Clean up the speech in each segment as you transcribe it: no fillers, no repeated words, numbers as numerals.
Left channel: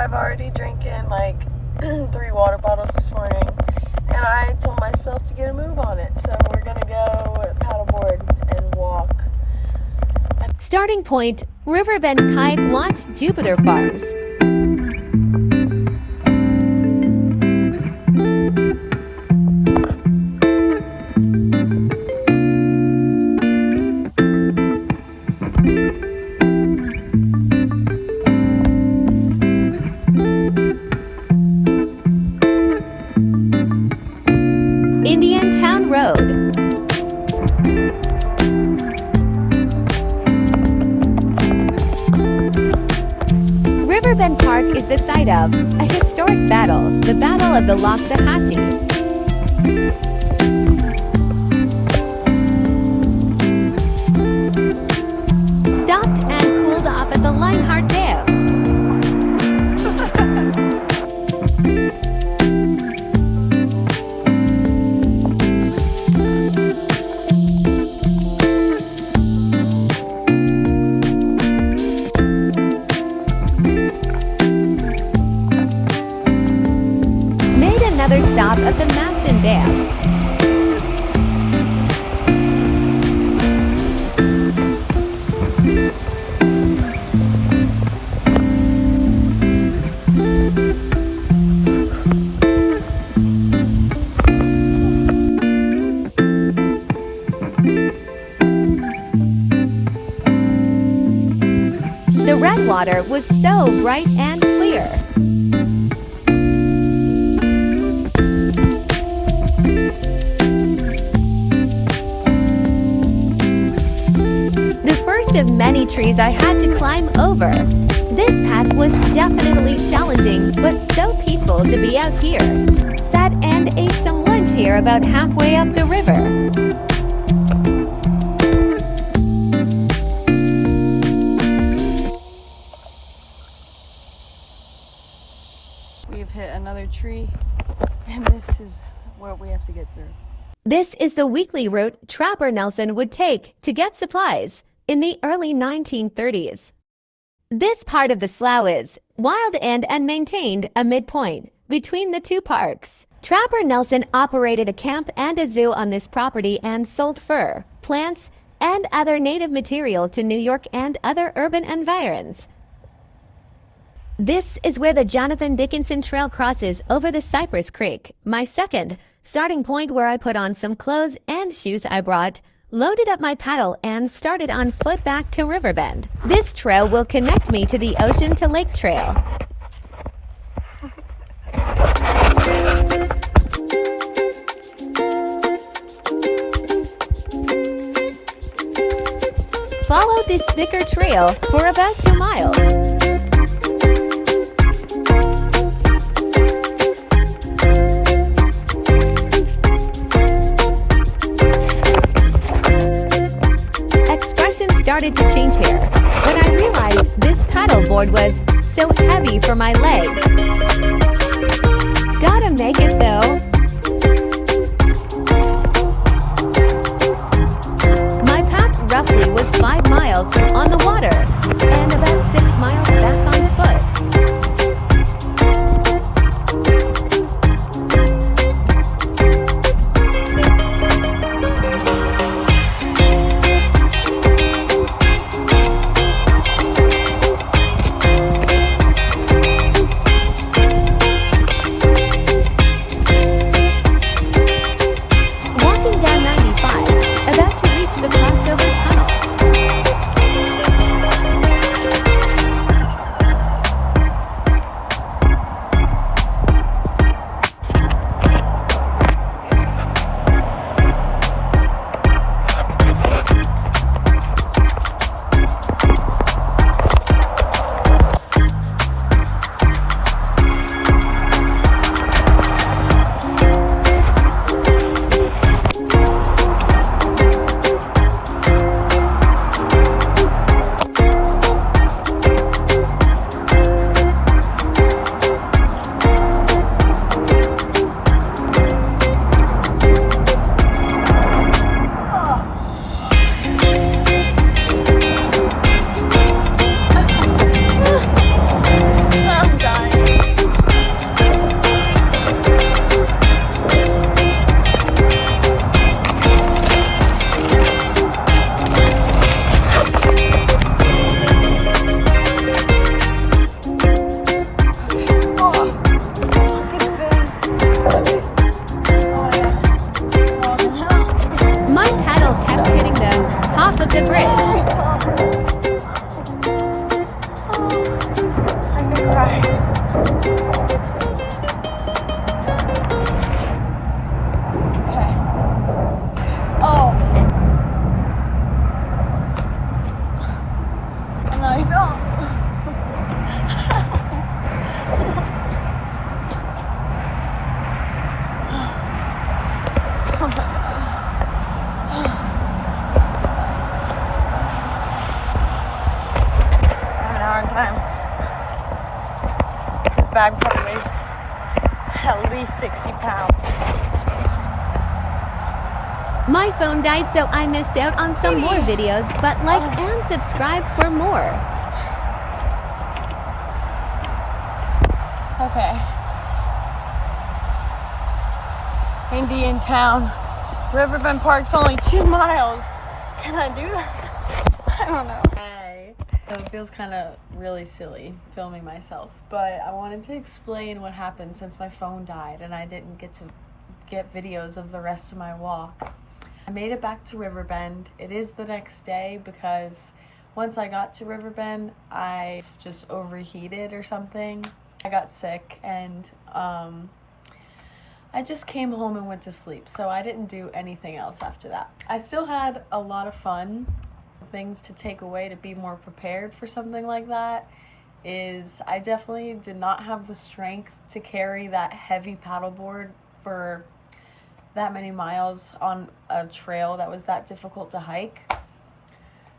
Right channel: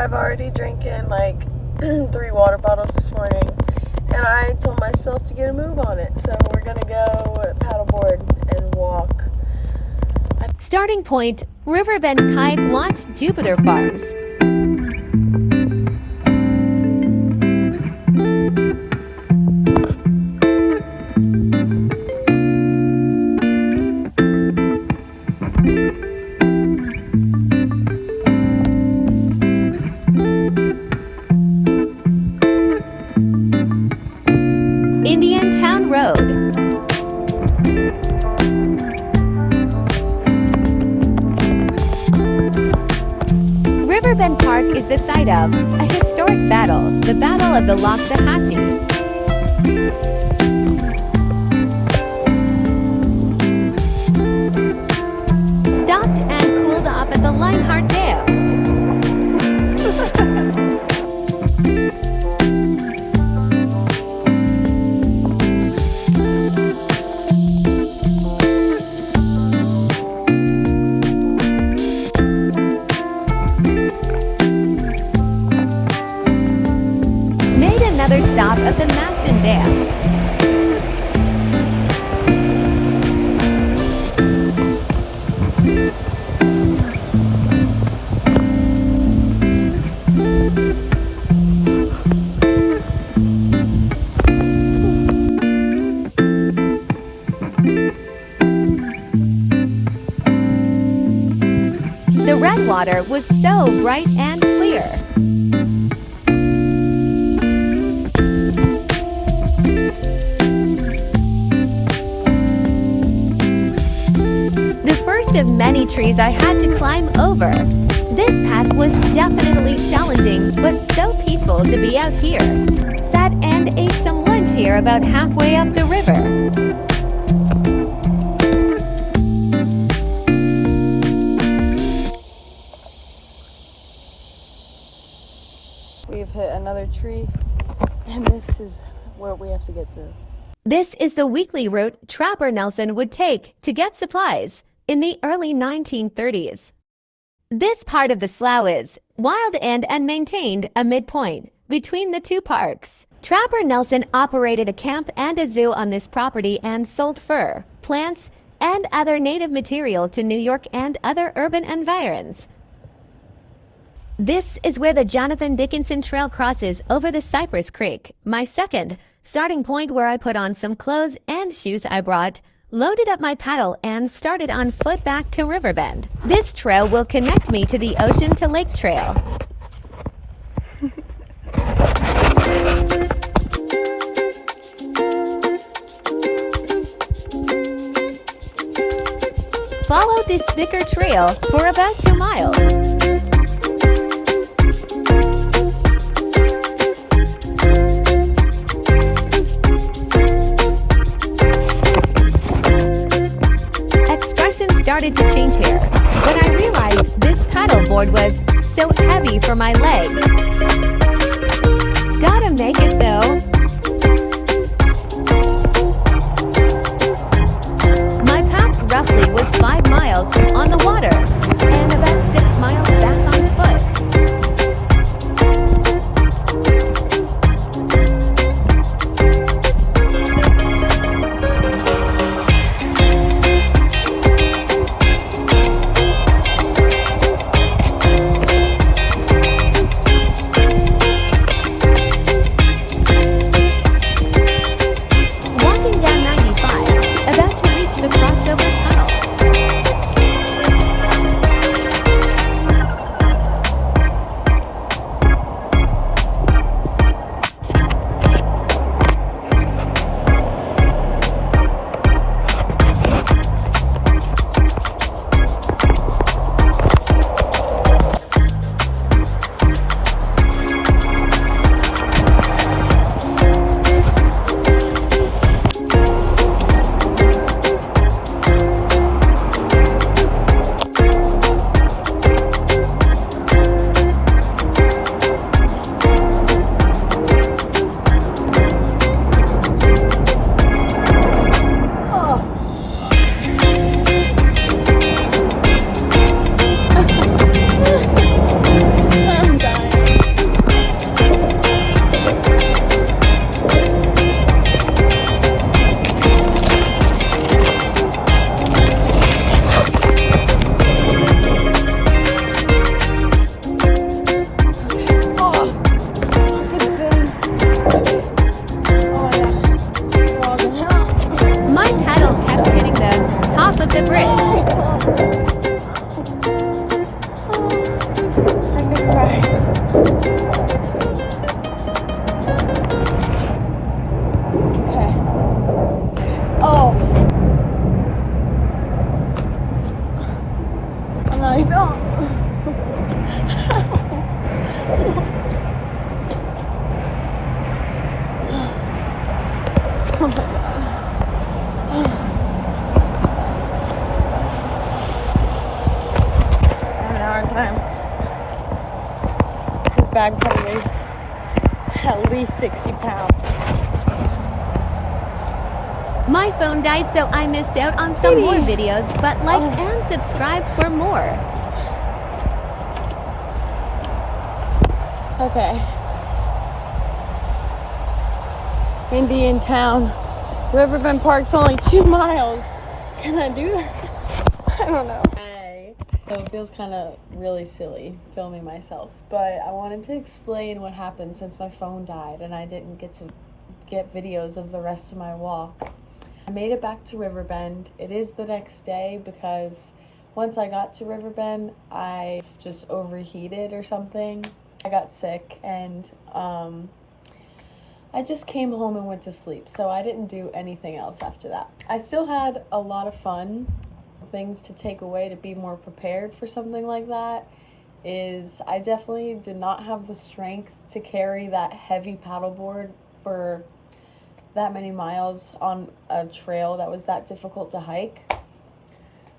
I've already drinking like 3 water bottles this morning, and I told myself to get a move on it. So we're gonna go paddleboard and walk. Starting point, Riverbend Kayak Launch Jupiter Farms. Indian Town Road. Riverbend Park is the site of a historic battle, the Battle of the Loxahatchee. Stopped and cooled off at the Lionheart Dam. Another stop at the Maston Dam. The red water was so bright and clear. Of many trees I had to climb over. This path was definitely challenging, but so peaceful to be out here. Sat and ate some lunch here about halfway up the river. We've hit another tree, and this is what we have to get through. This is the weekly route Trapper Nelson would take to get supplies in the early 1930s. This part of the slough is wild and maintained a midpoint between the two parks. Trapper Nelson operated a camp and a zoo on this property and sold fur, plants, and other native material to New York and other urban environs. This is where the Jonathan Dickinson Trail crosses over the Cypress Creek, my second starting point, where I put on some clothes and shoes I brought, loaded up my paddle, and started on foot back to Riverbend. This trail will connect me to the Ocean to Lake Trail. Follow this thicker trail for about 2 miles. Started to change here when I realized this paddleboard was so heavy for my legs. Gotta make it though. My path roughly was 5 miles on the water and about 6 miles back on foot. bag weighs at least 60 pounds. My phone died, so I missed out on some more videos, but like and subscribe for more. Okay. Indian Town. Riverbend Park's only 2 miles. Can I do that? I don't know. So it feels kind of really silly filming myself, but I wanted to explain what happened since my phone died and I didn't get to get videos of the rest of my walk. I made it back to Riverbend. It is the next day because once I got to Riverbend, I just overheated or something. I got sick and I just came home and went to sleep, so I didn't do anything else after that. I still had a lot of fun. Things to take away to be more prepared for something like that is I definitely did not have the strength to carry that heavy paddleboard for that many miles on a trail that was that difficult to hike.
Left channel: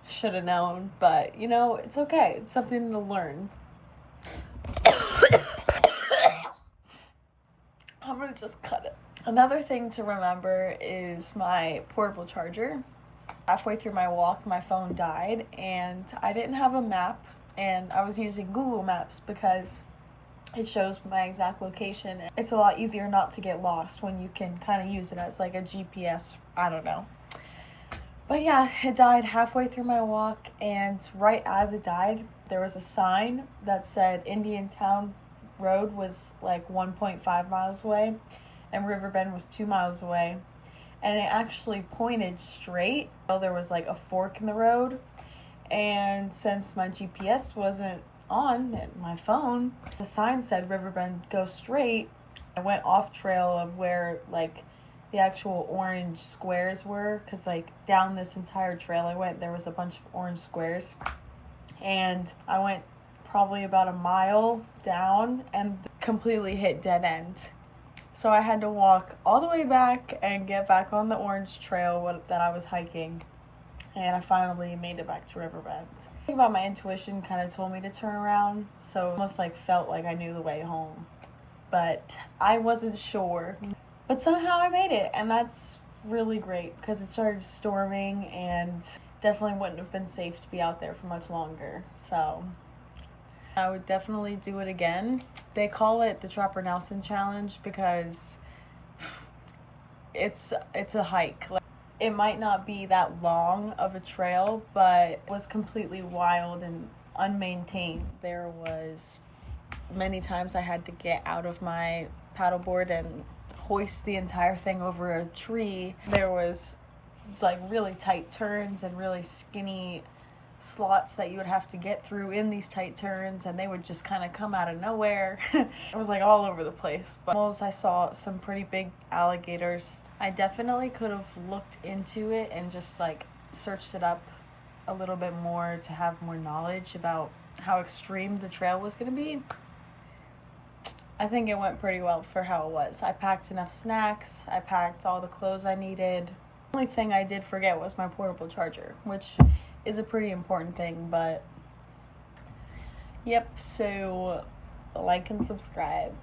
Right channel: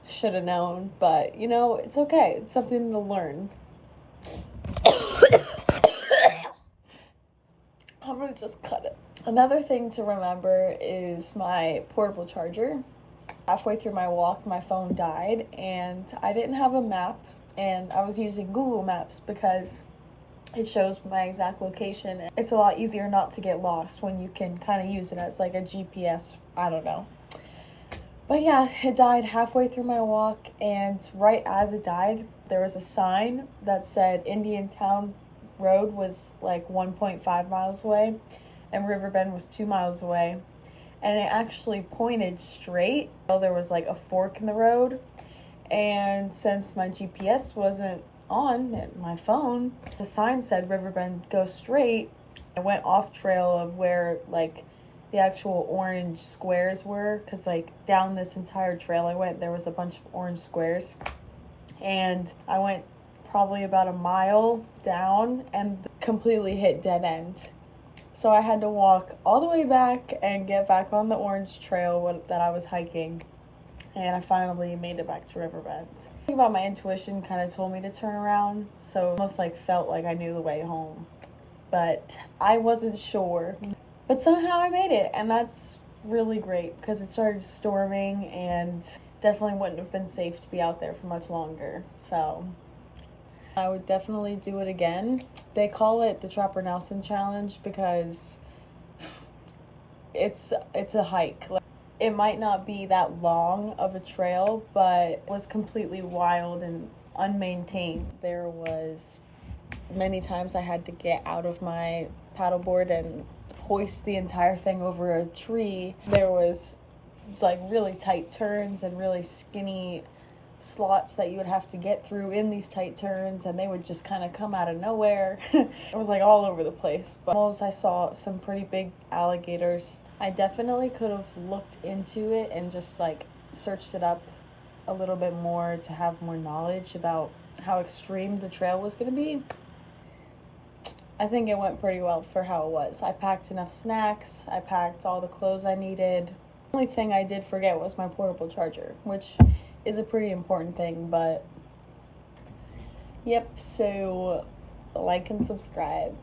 Should have known, but you know, it's okay. It's something to learn. I'm gonna just cut it. Another thing to remember is my portable charger. Halfway through my walk, my phone died and I didn't have a map, and I was using Google Maps because it shows my exact location. It's a lot easier not to get lost when you can kind of use it as like a GPS. I don't know. But yeah, it died halfway through my walk, and right as it died, there was a sign that said Indian Town Road was like 1.5 miles away and Riverbend was 2 miles away. And it actually pointed straight. Well, there was like a fork in the road, and since my GPS wasn't on my phone, the sign said Riverbend, go straight. I went off trail of where like the actual orange squares were, because like down this entire trail I went, there was a bunch of orange squares, and I went probably about a mile down and completely hit dead end. So I had to walk all the way back and get back on the orange trail that I was hiking. And I finally made it back to Riverbend. Something about my intuition kind of told me to turn around. So it almost like felt like I knew the way home. But I wasn't sure. But somehow I made it. And that's really great because it started storming and definitely wouldn't have been safe to be out there for much longer. So I would definitely do it again. They call it the Trapper Nelson Challenge because it's a hike. Like, it might not be that long of a trail, but it was completely wild and unmaintained. There was many times I had to get out of my paddleboard and hoist the entire thing over a tree. There was like really tight turns and really skinny slots that you would have to get through in these tight turns, and they would just kind of come out of nowhere. It was like all over the place, but almost I saw some pretty big alligators. I definitely could have looked into it and just like searched it up a little bit more to have more knowledge about how extreme the trail was going to be. I think it went pretty well for how it was. I packed enough snacks, I packed all the clothes I needed. The only thing I did forget was my portable charger, which is a pretty important thing, but yep, so like and subscribe.